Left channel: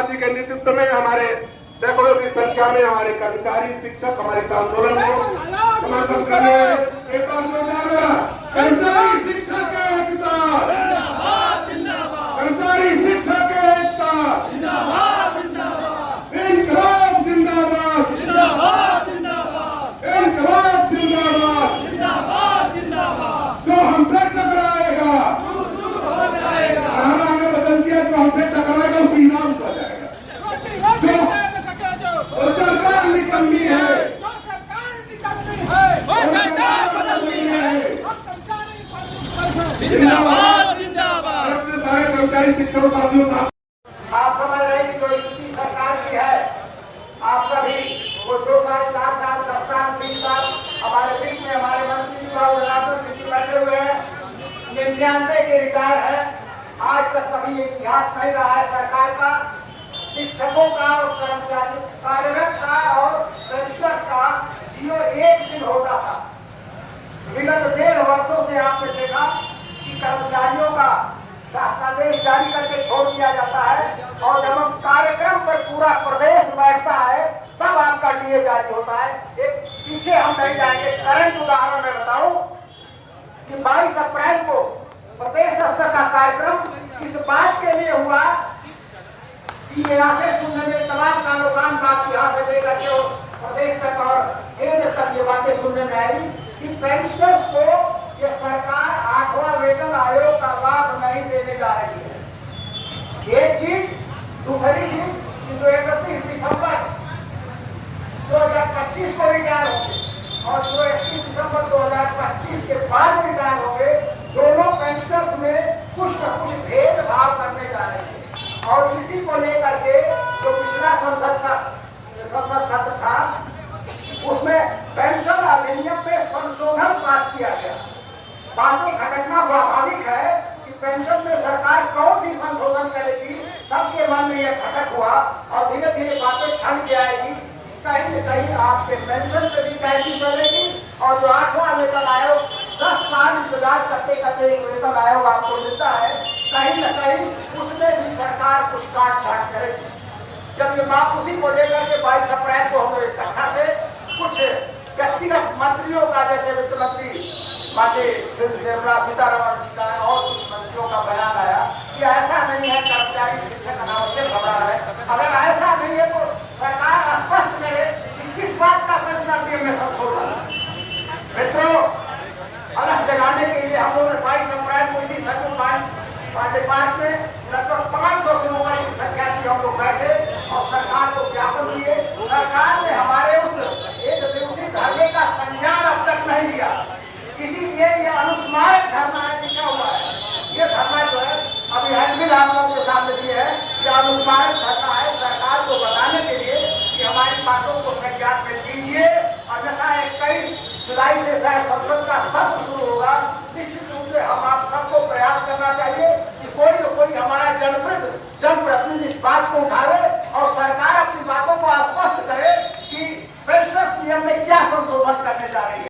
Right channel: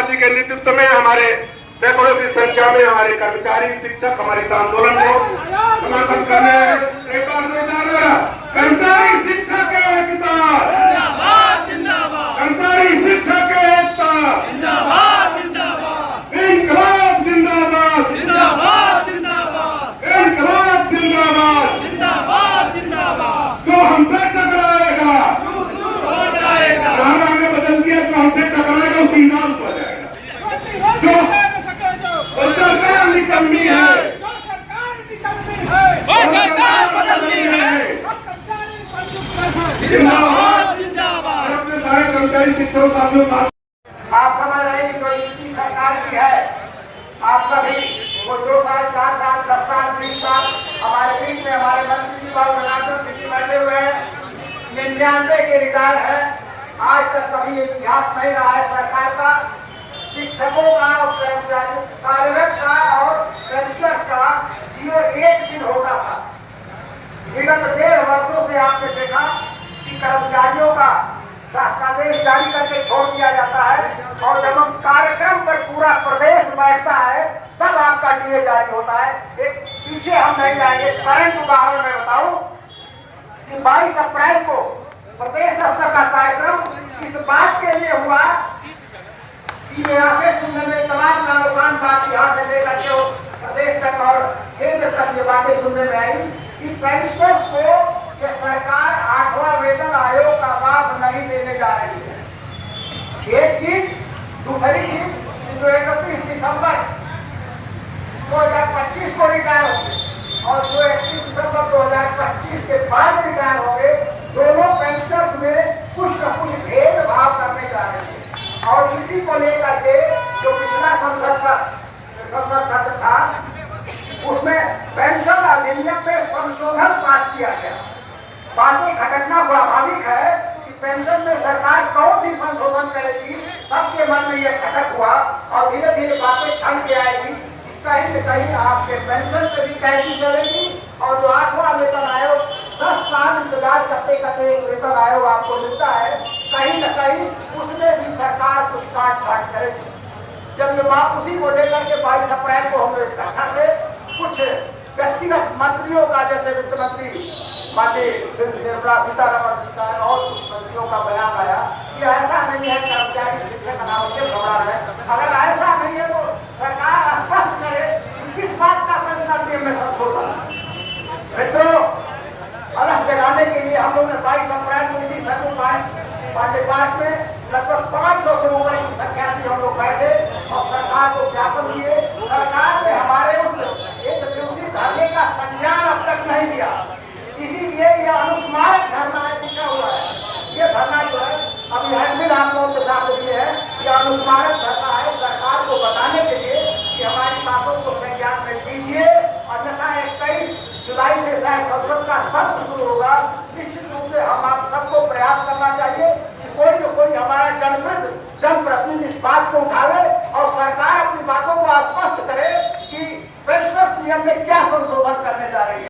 प्रसाद जी के नेतृत्व में हमारे सैकड़ों की संख्या में हमारे कर्मचारी शिक्षक हमारे इस आंदोलन को समर्थन करने कर्मचारी शिक्षक एकता, कर्मचारी शिक्षक एकता, इनकलाब जिंदाबाद, इनकलाब जिंदाबाद। जो हमसे टकराएगा हमारा आगे बदल दिया तो हमसे टकराएगा उसकी नाम हो जाएगा। जो सरकार निकलनी है, बदलनी है, जिंदाबाद जिंदाबाद। सारे कर्मचारी शिक्षकों का आप समझ रहे हैं जो इसकी सरकार की है, आप सभी वो 2 साल 4 साल 10 साल 20 साल हमारे बीच में हमारे मंत्री और सिटी बैठे हुए हैं, 99 के रिटायर है। आज तक कभी इतिहास नहीं रहा है सरकार का, शिक्षकों का और कर्मचारी कार्यरत का और पेंशनर का जीवन एक दिन होता था। विगत 1.5 वर्षों से आपने देखा कि कर्मचारियों का शासनादेश जारी करके छोड़ दिया जाता है और जब हम कार्यक्रम पर पूरा प्रदेश बैठता है तब आपका डीए जारी होता है। एक पीछे हम नहीं जाएंगे, करंट उदाहरण मैं बताऊं कि 22 अप्रैल को प्रदेश स्तर का कार्यक्रम इस बात के लिए हुआ कि मेरा से सुनने में तमाम कारोबार बात यहाँ से लेकर के प्रदेश तक और केंद्र तक ये बातें सुनने में आई कि पेंशनर्स को ये सरकार 8वां वेतन आयोग का लाभ नहीं देने जा रही है। एक चीज, दूसरी चीज, जो 31 दिसंबर 2025 को रिटायर होंगे और जो 31 दिसंबर 2025 के बाद रिटायर होंगे, दोनों पेंशनर्स में कुछ न कुछ भेदभाव करने जा रहे हैं। और इसी को लेकर के जो पिछला संसद सत्र था उसमें पेंशन अधिनियम में संशोधन पास किया गया। बातें खटकना स्वाभाविक है कि पेंशन में सरकार कौन सी संशोधन करेगी, सबके मन में यह खटक हुआ और धीरे धीरे बातें छन के आएगी। कहीं न कहीं आपके पेंशन पे भी कैसी चलेगी और जो 8वां वेतन आयोग 10 साल इंतजार करते करते एक वेतन आयोग आपको मिलता है, कहीं न कहीं उसमें भी सरकार कुछ काट छाट करेगी। जब ये वापसी को लेकर के 22 अप्रैल को हम इकट्ठा से कुछ व्यक्तिगत मंत्रियों का, जैसे वित्त मंत्री माननीय निर्मला सीतारमण जी का और कुछ मंत्रियों का बयान आया कि ऐसा नहीं है कर्मचारी शिक्षक अनावश्यक घबरा है। अगर ऐसा नहीं है तो सरकार स्पष्ट करे कि किस बात का पेंशन नियम में संशोधन। मित्रों, अलग जगाने के लिए हम लोगों ने 22 अप्रैल को इसी सर्व पांडे पार्क में लगभग 500 से ऊपर की संख्या से हम लोग बैठे और सरकार को ज्ञापन दिए। सरकार ने हमारे उस एक दिवसीय धरने का संज्ञान अब तक नहीं लिया, इसीलिए यह अनुस्मारक धरना लिखा हुआ है। ये धरना जो है अभी हैंडबिल आप लोगों के साथ ये है कि अनुस्मारक धरना है सरकार को बताने के लिए कि हमारी बातों को संज्ञान में लीजिए। अन्यथा 21 जुलाई से शायद संसद का सत्र शुरू होगा। निश्चित रूप से हम आप सबको प्रयास करना चाहिए कि कोई न कोई हमारे जनप्रतिनिधि इस बात को उठावे और सरकार अपनी बातों को स्पष्ट करे कि पेंशनर्स नियम में क्या संशोधन करने जा रही है।